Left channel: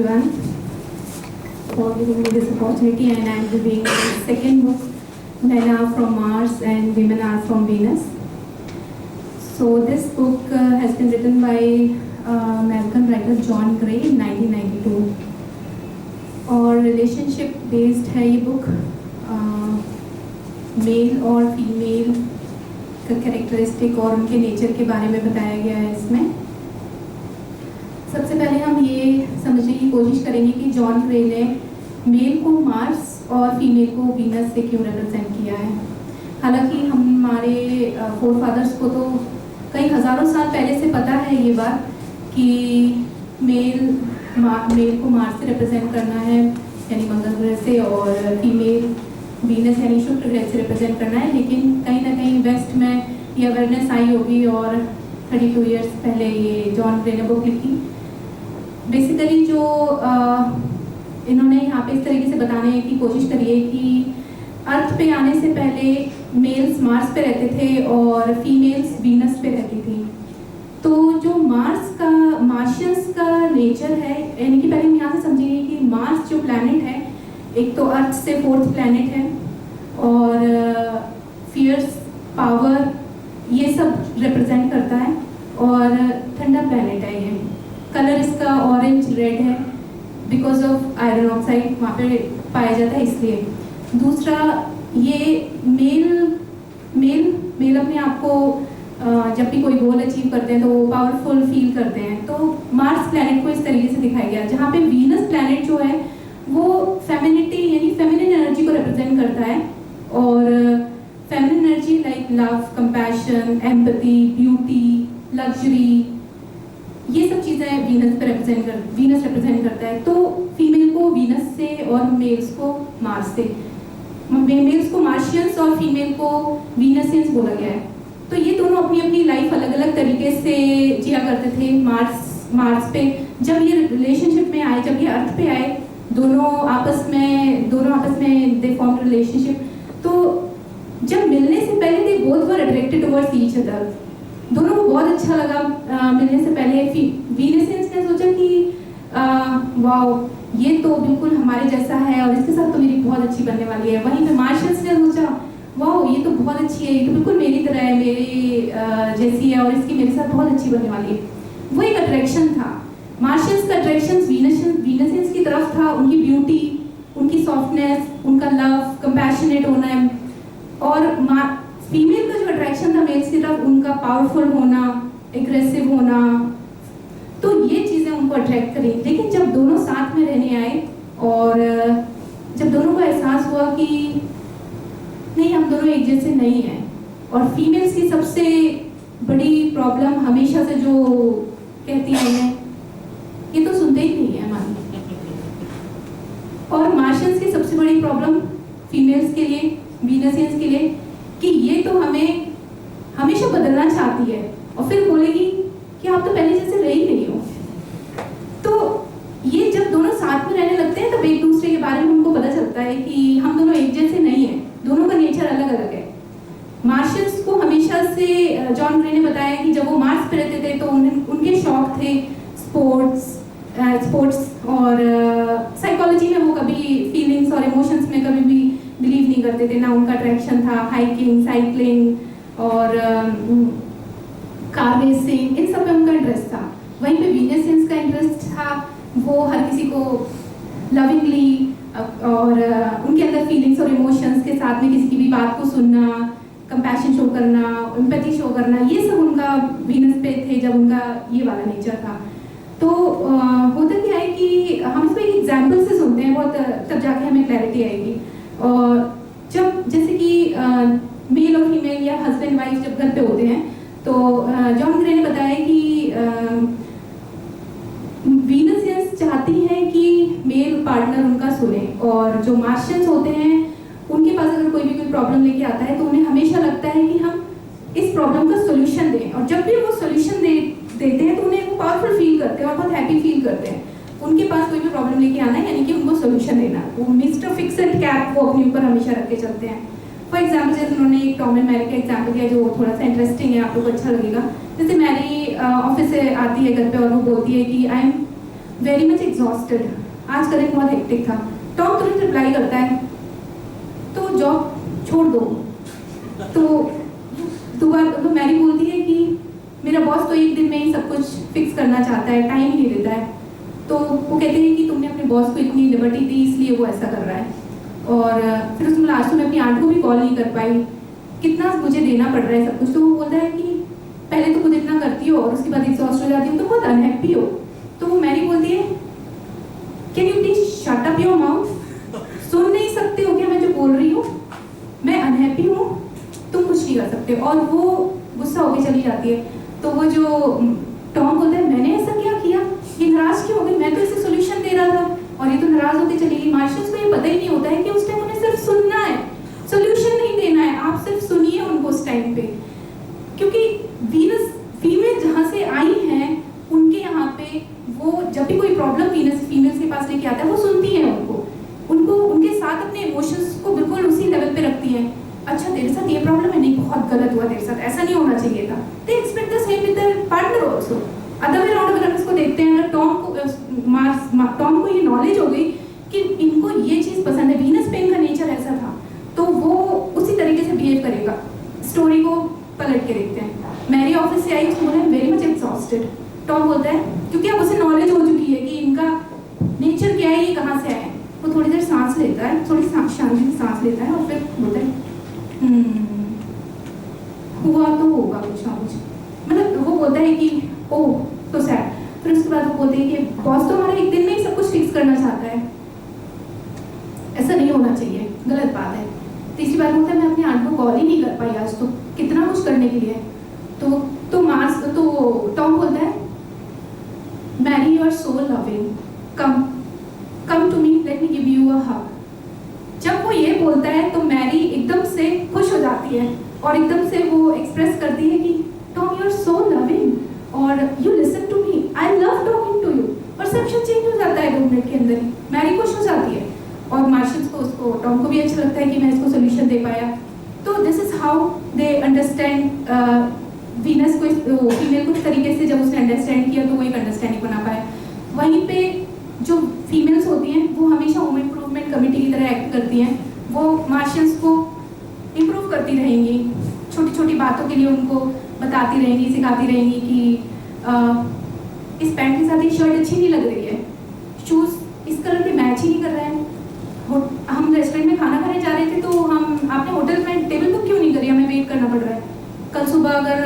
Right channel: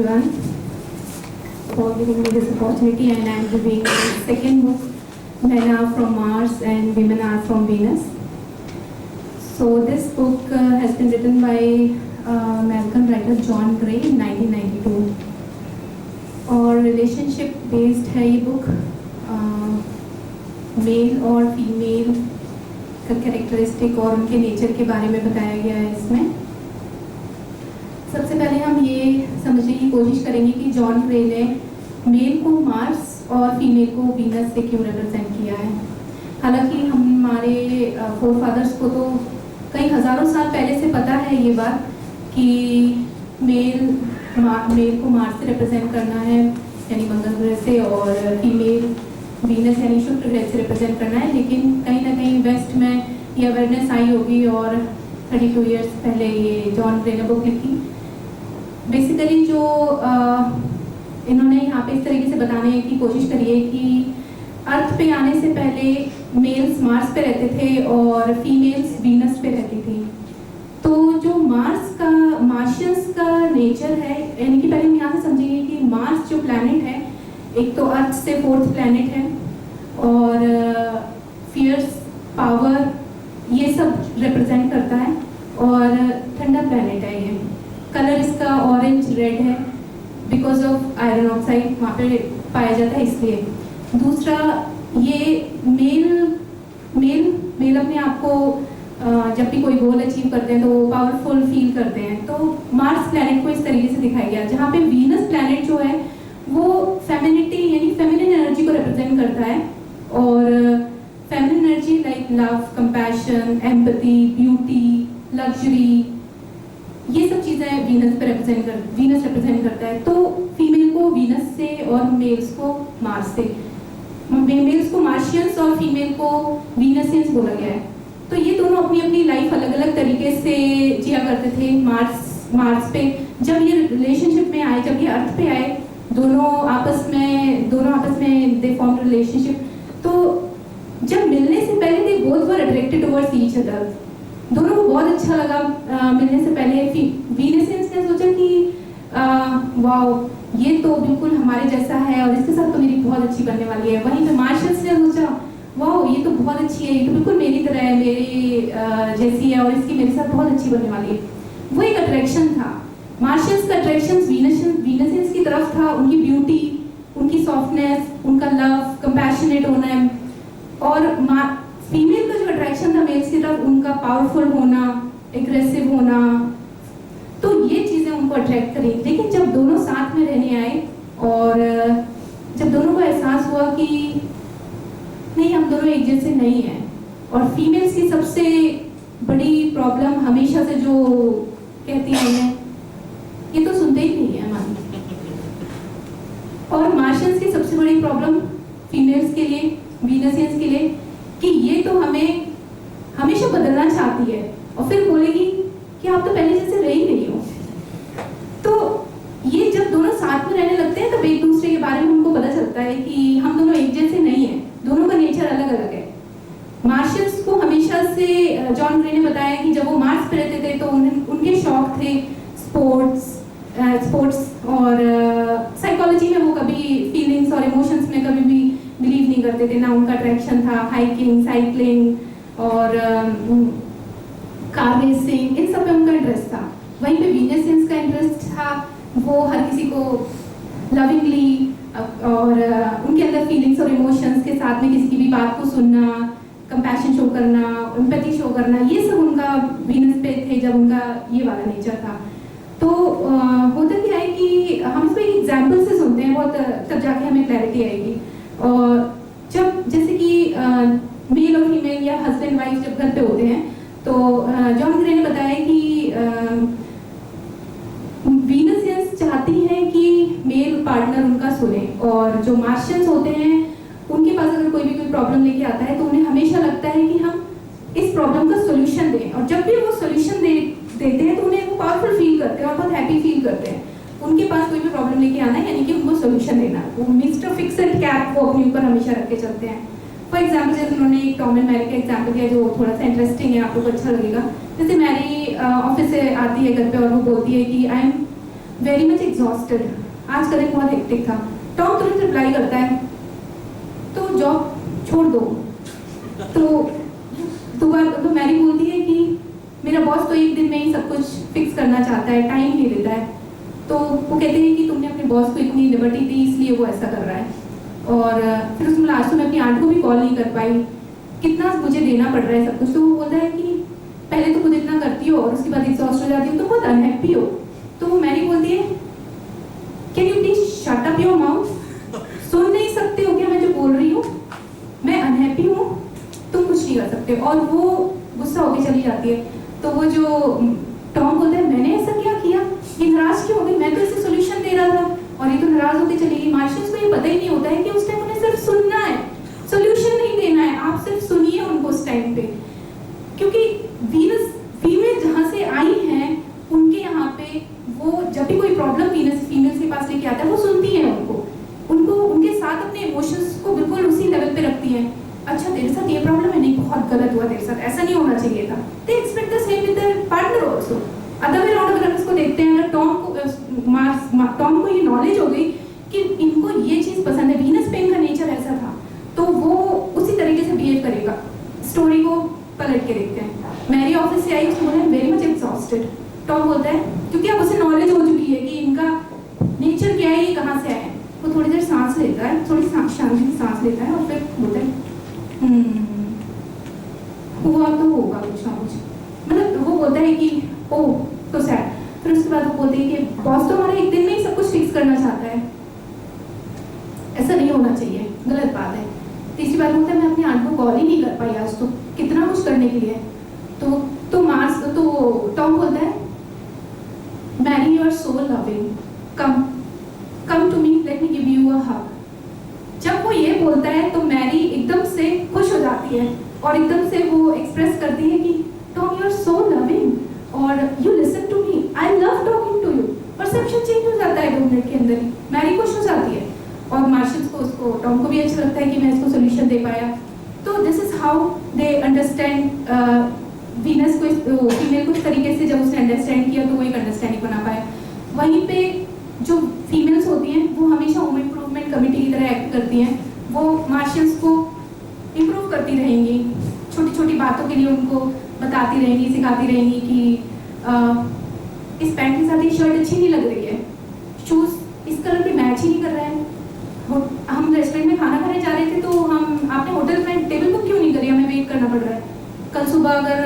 everyone for giving me this opportunity, and I am reviewing the second book, Men Are From Mars and Women Are From Venus. So this book has been written by American writer John Gray in 1992 और relationship based है ये book. Mail और female का characteristic और उनके nature के बारे में बताया गया है इसमें. सबसे पहले हम ये समझने की कोशिश करेंगे कि जॉन ग्रे ने मेल को मार्स और फीमेल को वीनस से क्यों रिप्रेजेंट किया है. हालांकि हमारे फोरफादर्स को तो कई हज़ारों साल पहले से पता है ये बात कि मेल को मार्स से रिप्रेजेंट करना है यानी मंगल ग्रह से, और फीमेल वीनस यानी शुक्र ग्रह से रिप्रेजेंट करना है. लेकिन कहीं ना कहीं वेस्ट में ये अवेयरनेस आई होगी और 32 इयर्स पहले ये जॉन ग्रे ने बुक लिखी. बेसिकली जो इन्होंने यहाँ पे इस तरीके से बताने की कोशिश करी है कि अर्थ पे आने से पहले मेल्स मार्स पे रहते थे और फीमेल्स वीनस पे रहती थी. तो जो मार्शियंस का नेचर है, यानी कि पहले हम यहाँ से समझेंगे कि मार्स जो प्लैनेट है एक तो अर्थ से 4th प्लैनेट है और फियर्स पावर ये सब रिप्रेजेंट करता है और ठंडा प्लैनेट है. ये कलर इसका ऑरेंज रेड है बिकॉज ऑफ आयरन ऑक्साइड वहाँ पे पाया जाता है इसलिए. दूसरा ये मेल अपने आप को जब भी कोई गोल अचीव करते हैं तो पावरफुल फील करते हैं. तो मार्स प्लैनेट को इस तरीके से दिखाया गया, जहाँ पे वीनस प्लैनेट जो है वो फेमिनिटी यानी फेमिनिन एनर्जी को रिप्रेजेंट करता है. और feminine energy like love, compassion, empathy, beauty, luxury, ये सब चीज़ें वीनस रिप्रेजेंट करता है. तो फीमेल को वीनस से और मेल्स को मार्स से, मेल्स को मार्शियंस और फीमेल को वीनसियंस बोला गया है. तो ये दोनों अपनी अपनी लाइफ अलग अलग तरीके से जिया करते थे. मार्स पे जब ये रिलेशनशिप में आए, जब ये अर्थ पे आए, दोनों आपस में दे फॉर्म रिलेशनशिप. तो जब मिलने से पहले they both were attracted towards each other. दोनों को बहुत अच्छा लगा मिलने से पहले. वीनसियंस ने सोचा कि वाओ ये तो बिल्कुल हमारे जैसा है और इसके साथ तो मेरी बहुत अच्छी बनने वाली है. वहीं पे मार्शियंस ने सोचा वाओ ये तो बहुत अच्छी है, ये तो बिल्कुल मेरी तरह है, मेरे जैसी है और इसकी मेरे साथ बहुत अच्छी बनने वाली है. वो एक अट्रैक्शन था. मार्शियंस का अट्रैक्शन वीनसियंस की तरफ था, उनकी ब्यूटी, उनकी सॉफ्टनेस, उनका लव, कंपैशनेट होना है. और फीमेल का जो अट्रैक्शन था मेल्स की तरफ, उनका पावरफुल होना, एग्रेसिव होना. तो ये चीज़ें उनको अट्रैक्ट करी. लेकिन जब दोनों साथ में रहने आए और जब दोनों को एहसास हुआ कि नहीं हम दोनों एक जैसे नहीं हैं, और फीमेल्स की सबसे बड़ी प्रॉब्लम हमेशा से जो कहती है ये तो सुनते ही नहीं है हमारी, और मार्शियंस की सबसे बड़ी प्रॉब्लम फीमेल्स के लिए, वीनसियंस के लिए, कि ये तो हमें हमेशा बदलना चाहती है और फिर बोलेगी कि आप तो पहले जैसे रह ही नहीं हो. तो ये जब दोनों साथ में रहने लगते हैं तब एक दूसरे के बारे में उनको पता चलता है कि हम दोनों एक जैसे नहीं हैं, दोनों का नेचर अलग अलग है. मार्शियंस को हमेशा से जॉन ग्रे ने बताया कि जब वो मार्स पे रहते थे तो उनके शौक थे स्पोर्ट्स और साइकोलॉजी में वो कभी फीलिंग्स और इमोशंस में कभी भी बिलीव नहीं करते थे. ना उनका अट्रैक्शन था हाइकिंग, साइकिलिंग और कार रेसिंग, इन सब में उनका इंटरेस्ट था. वहीं पे वीनसियंस का इंटरेस्ट था, वो हर किसी को लविंगली और उनके अंदर फीलिंग्स और इमोशंस के साथ में किसी की भी बात को सुनना, कंपैशन शो करना, एम्पैथी शो करना, ये सब उनका वीनस पे थे जब उनका ये वाला नेचर था. तो होता क्या है कि हम इसको एक एग्जाम्पल से सुनते हैं बहुत, तब जाके हमें क्लैरिटी आएगी. और जब जैसे कि मेल और फीमेल या हस्बैंड वाइफ जब घर पे होते हैं तो जॉन ग्रे ने बताया कि वीनसियंस चाहती हैं कि मेल पार्टनर उनका सुने, और जो मार्शियंस होते हैं उनके पास अगर कोई भी कोई प्रॉब्लम लेके आता है तो उन्हें हमेशा लगता है कि हम इस प्रॉब्लम का सोल्यूशन दें. और जब भी वो सोल्यूशन देते हैं तो उन्हें वो पावरफुल फील करते हैं और बहुत हैप्पी फील करते हैं. उनके पास कोई भी प्रॉब्लम लेके आना है यानी कि उनको सोल्यूशन देना, वो मिस्टर फिक्सड कैप वो अपने ऊपर हमेशा रख के चलते हैं. फॉर एग्जाम्पल जैसे उन्होंने एक टॉम एंड मैरी का एग्जाम्पल दिया जो थोड़ा सा इंटरेस्टिंग है, आप लोग को अच्छा लगेगा. जैसे मैरी ऑफिस से आती है घर पे और वो बोलती है कि I am very much exhausted, आज का दिन बहुत हेक्टिक था। टॉम तुरंत रिप्लाई करता है, तो जॉब छोड़ दो। तो मैरी बोलती है कि मेरा बॉस तो एक दिन में ही सब कुछ फिक्स करना चाहता है, टाइम नहीं देता है। तो वो कहते हैं कि तुमने अपने बॉस को इतनी लिबर्टी दी इसलिए वो ऐसा कर रहा है। और फिर उसने बोला आज तो मैं अपनी आंट को भी कॉल नहीं कर पाई, कितना मुझे देना पड़ रहा है सब कुछ। तो वो बोलता है कि पहले तो खुद इतना करती हो और उसके बाद एग्जॉस्ट हो जाती हो तो बहुत अनहैप्पी हो। तो वो मैरी बोलती है can you please shut up your mouth, सुन नहीं सकते हो क्या मैं जो बोल रही हूँ? मैं अनहैप्पी हूँ, तुम कुछ नहीं कर सकते। और वो गुस्सा होकर चली जाती है। तो वो जो टॉम बोलता है मैंने ऐसा क्या किया, ये नाराज क्यों हो गई, मैं तो इसे सोल्यूशन दे रहा था और ये तो नाराज होकर चली गई। मार्शल्स को ये पता ही नहीं होता है कि उस टाइम उन्हें सिर्फ सुनना है, सोल्यूशन नहीं देना है। आप सिर्फ सुनिए उनको उस टाइम पे, क्योंकि वीनस फीमेल जहाँ से आई हैं उनके यहाँ पे वो जब भी कोई प्रॉब्लम वीनस फीमेल्स के पास लेके आता है वो सुनती है उनको उनके साथ अपने इमोशंस को बिल्कुल उसी लेवल पे रखती है। अच्छा तेरे साथ ये प्रॉब्लम है, नहीं बहुत गलत हुआ तेरे साथ, ऐसा नहीं होना चाहिए था। They expect the same with their partner also. Other way round अगर इसको देखते हैं, अगर टॉम को ये नॉलेज हो गई कि इनको ये चीज पसंद है, वीनस पे इनका नेचर ऐसा था, तो वो उसी तरीके से बिहेव करेगा। स्टोरी को पलट के देखते हैं। मैरी ऑफिस से आई, उसको बोला वेरी मच एग्जॉस्टेड। टॉम बोलता है क्योंकि अब उसे नॉलेज हो चुकी है कि इनका नेचर क्या है, ये कहाँ से आया है। वो थोड़ी देर सांस लेता है, थोड़ी शांति से सांस लेता है और फिर बोलता है हुआ तो होगा कुछ ना कुछ। मतलब वो बोलता है कि ओह तो सैड। फिर उसके बाद वो बोलते हैं कि बॉस तो हमारा एक दिन में ही सब कुछ फिक्स करना चाहता है, ऐसा नहीं होना चाहिए, गलत बात है। तीसरी बात बोलता है मैं अपनी आंट को कॉल ही नहीं कर पाई आज, तो कितना कुछ करने के लिए। तो टॉम बोलता है Mary you are so loving, come to me, let me give you a hug. जब वो ये बोलता है तो मैरी एकदम से खुश हो जाती है और एकदम से वो एक्सप्रेस करती है कि Tom you are so loving और you listen to me, I love talking to you. Perception change हो जाता है 2 मिनट के अंदर ही, मैरी खुश हो जाती है और मार्शल्स को उसको टॉम को भी अच्छा लगता है कि मैं इसको सोल्यूशन दे पाया। तो this is how they understand Venus को, फीमेल को इस तरीके से जब उसने अंडरस्टैंड किया तो वो एक अंडरस्टैंडिंग बना पाया। वहीं पे जो फीमेल्स होती हैं वो हमेशा होम इम्प्रूवमेंट कमेटी की तरह एक्ट करती हैं। वो मार्शल्स को इम्प्रूव करती रहेंगी, छोटी छोटी बातों के लिए उनको बताती रहेंगी, सिखाती रहेंगी कि इस पैंट के साथ ये शर्ट अच्छी नहीं लग रही है, शूज़ इस कलर के मैच ही नहीं कर रहे हैं। हम रेस्टोरेंट में खाना खाने जा रहे थे तो आपने होटल में टेबल बुक क्यों नहीं करी, हमें वेट करना पड़ रहा है। कल सुबह अगर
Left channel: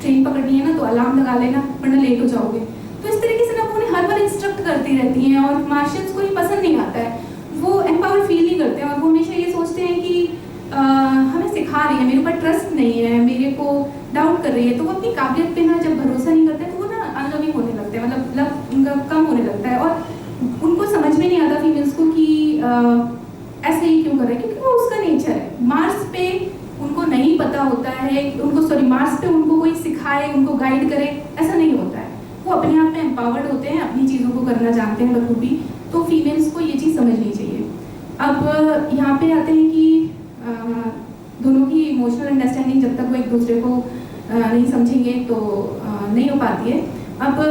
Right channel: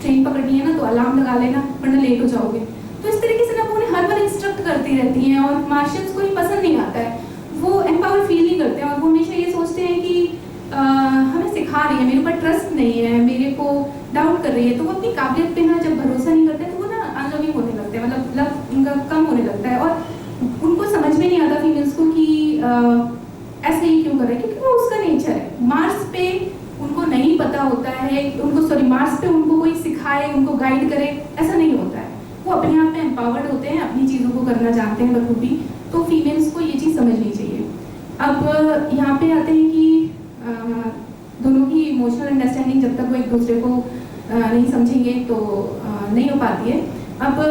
ट्रेन पकड़नी है ना तो अलार्म लगा लेना वरना लेट हो जाओगे। तो इस तरीके से ना वो उन्हें हर बार इंस्ट्रक्ट करती रहती हैं और मार्शल्स को ये पसंद नहीं आता है, वो एम्पावर फील नहीं करते हैं और वो हमेशा ये सोचते हैं कि हमें सिखा रही है, मेरे ऊपर ट्रस्ट नहीं है, मेरे को डाउट कर रही है। तो वो अपनी काबिलियत पे ना जब भरोसा नहीं करते तो वो ना अनलविंग होने लगते हैं, मतलब लव उनका कम होने लगता है और उनको समझ में नहीं आता फीमेल्स को कि ऐसे ही क्यों कर रहे हैं, क्योंकि वो उसका नेचर है। मार्स पे उनको नहीं पता होता है, मार्स पे उनको कोई सिखाए, उनको गाइड करे, ऐसा नहीं होता है। वो अपने आप में एम्पावर्ड होते हैं, अपनी चीज़ों को करना जानते हैं बखूबी। तो फीमेल्स को ये चीज़ समझनी चाहिए। अब यहाँ पे आते हैं कि दोनों की इमोशनल अंडरस्टैंडिंग जब तक वो एक दूसरे को नहीं समझेंगे तो नहीं हो पाती है। अब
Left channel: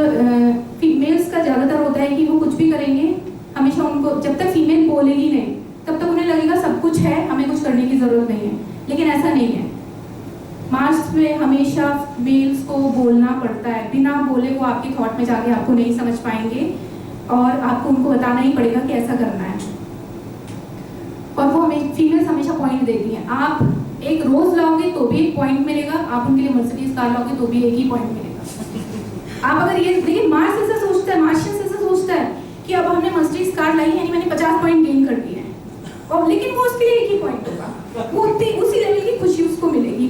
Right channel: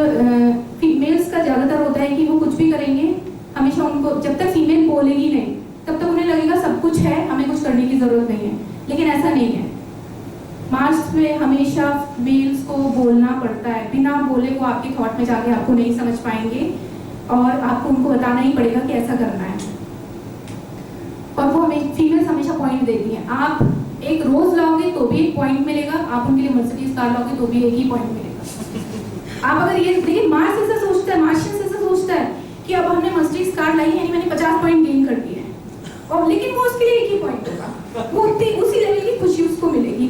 फीमेल्स का ज़्यादातर होता है कि वो कुछ भी करेंगे, हमेशा उनको जब तक फीमेल बोलेगी नहीं तब तक उन्हें लगेगा सब कुछ है, हमें कुछ करने की ज़रूरत नहीं है। लेकिन ऐसा नहीं है। मार्स में हमेशा मेल्स को बोलना पड़ता है, बिना बोले वो आपके थॉट में जाके आपको नहीं समझ पाएंगे और आपको उनको बताना ही पड़ेगा कि ऐसा करना है। और वो हमें फीमेल्स हमेशा पॉइंट देती हैं। आप एक रोज लाओगे तो भी एक पॉइंट मिलेगा, आप उनके लिए मर्सिडीज कार लाओगे तो भी एक ही पॉइंट मिलेगा। आप अगर ये देखिए, मार्स ऐसा सोचता है, मार्शियस ऐसा सोचता है कि अब हमने मर्सिडीज कार लाई है, यानी मैंने 50 पॉइंट गेन कर दिए हैं, और लेकिन वो उसके लिए एक ही पॉइंट होगा, वो उसी लेवल की खुशी उसको मिलेगी।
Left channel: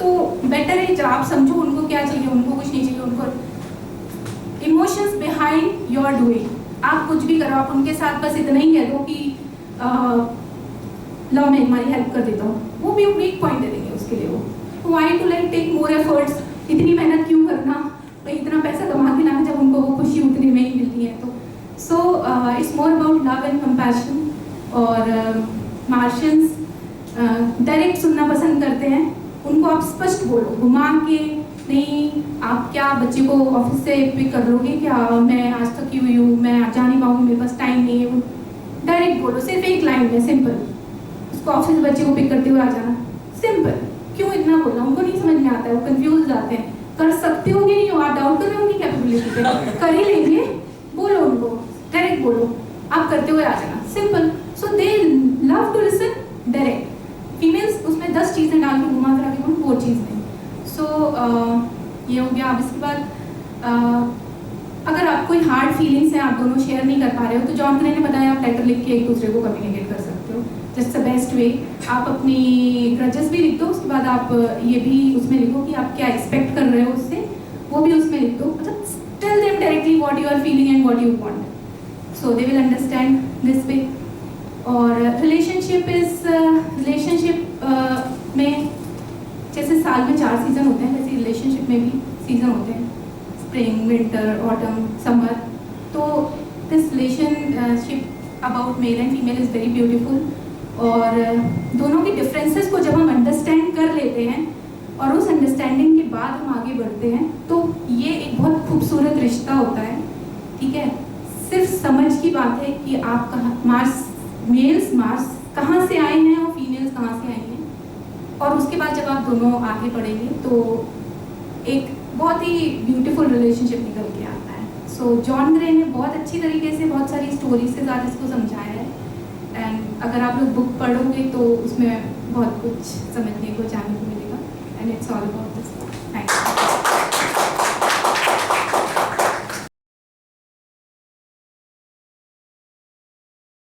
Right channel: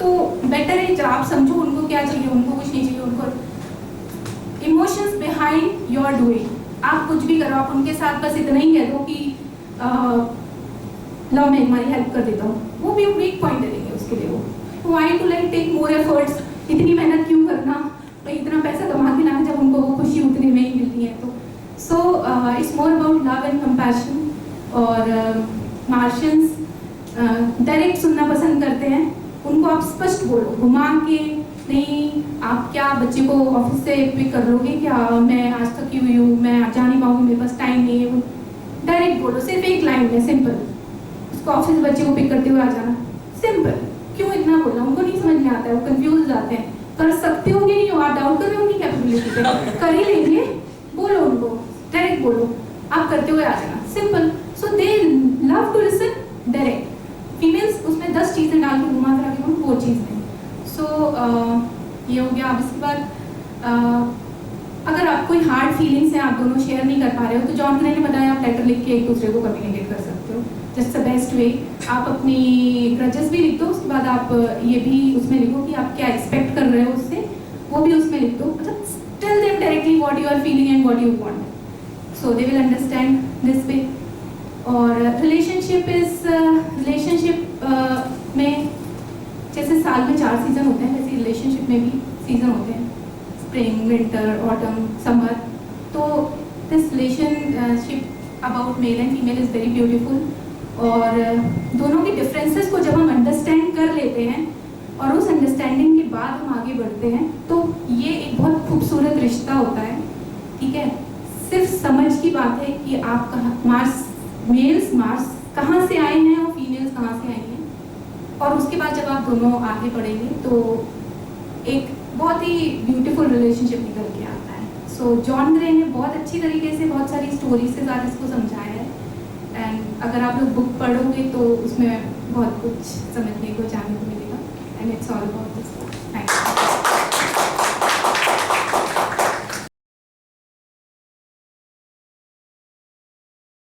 तो बेटर है जब आप समझो उनको क्या चाहिए, उनको कुछ नहीं चाहिए, उनको इमोशंस बिहाइंड योर डूइंग। आप कुछ भी करो, आप उनके साथ बस इतना ही कह दो कि लो मैं तुम्हारी हेल्प कर देता हूँ, वो भी एक पॉइंट दे देंगे उसके लिए। वो why to like take more efforts, इतनी मेहनत क्यों करना, इतना पैसा कमा के लाना जब उनको वो खुशी उतने में ही मिलती है। तो so it's more about love and compassion. और मार्शियंस डायरेक्ट सुनना पसंद करते हैं, उनको आप स्पष्ट बोलो, घुमा के नहीं आप क्या बच्चे को ऑफिस से पिक कर लोगे क्या, मैं आज थकी हुई हूँ, मैं जा नहीं पाऊंगी, मेरे पास टाइम नहीं है। डायरेक्ट बोलो, सिर्फ एक लाइन में, सिंपल। उसको ऑफिस से बच्चे को पिक करते हुए आ जाना, सिंपल। क्यों इतना बोलना, उनको नहीं समझ में आता है, वो कंफ्यूज हो जाते हैं। कर सकते होंगे नहीं हो, आप डाउट कर रहे होंगे कैपेबिलिटी पे, कर ही लेंगे। बोलो उनको, डायरेक्ट बोलो, आप करते हुए आ जाना, simple. So they love to listen direct. Females उसमें 10 चीज़ें डाल के घुमा फिरा के बोलो, वो चीज़ नहीं। सो ये हो गया। अब इसके बाद अगर आप कोई हार्ड फीलिंग्स हैं, आप दोनों शेयर नहीं कर पा रहे हो, तो जॉन ग्रे ने बताया आप लेटर लिख के एक दूसरे को कम्युनिकेट कर सकते हो। Just the best way. आप अपनी ग्रजेस भी लिख दो, उसके बाद आप ये भी उसमें लिखो कि आप क्या एक्सपेक्ट कर रहे हो उससे, वो भी उसमें लिख दो। मतलब tell them directly what you are feeling and what you want, so they will understand this way. और रिलेशनशिप में जैसे साल में 4 सीजन होते हैं, वैसे रिलेशनशिप में भी सीजन होते हैं, स्प्रिंग, विंटर, ऑटम, समर। तो this relationship about male and female is very beautiful. और दोनों के डिफरेंसेस को जब हम अंडरस्टैंड कर लेते हैं और उस अंडरस्टैंडिंग के बाद हम आगे बढ़ते हैं, तो ये एक बहुत खूबसूरत रिश्ता होता है। ठीक है, सिर्फ समझ की बात है कि आप मार्स कहाँ से आए हैं और फीमेल्स कहाँ से आई हैं, और उसके बाद जब आप दोनों आगे बढ़ेंगे तो एक बहुत ही ब्यूटीफुल रिलेशनशिप निकल के आता है। सो जॉन ग्रे ने बहुत अच्छी तरीके से बहुत सारी स्टोरीज के साथ इसको समझाया है। एंड अगर आप लोग बुक पढ़ोगे तो उसमें बहुत कुछ समझने को, जानने को मिलेगा। And it's all about this. Thank you.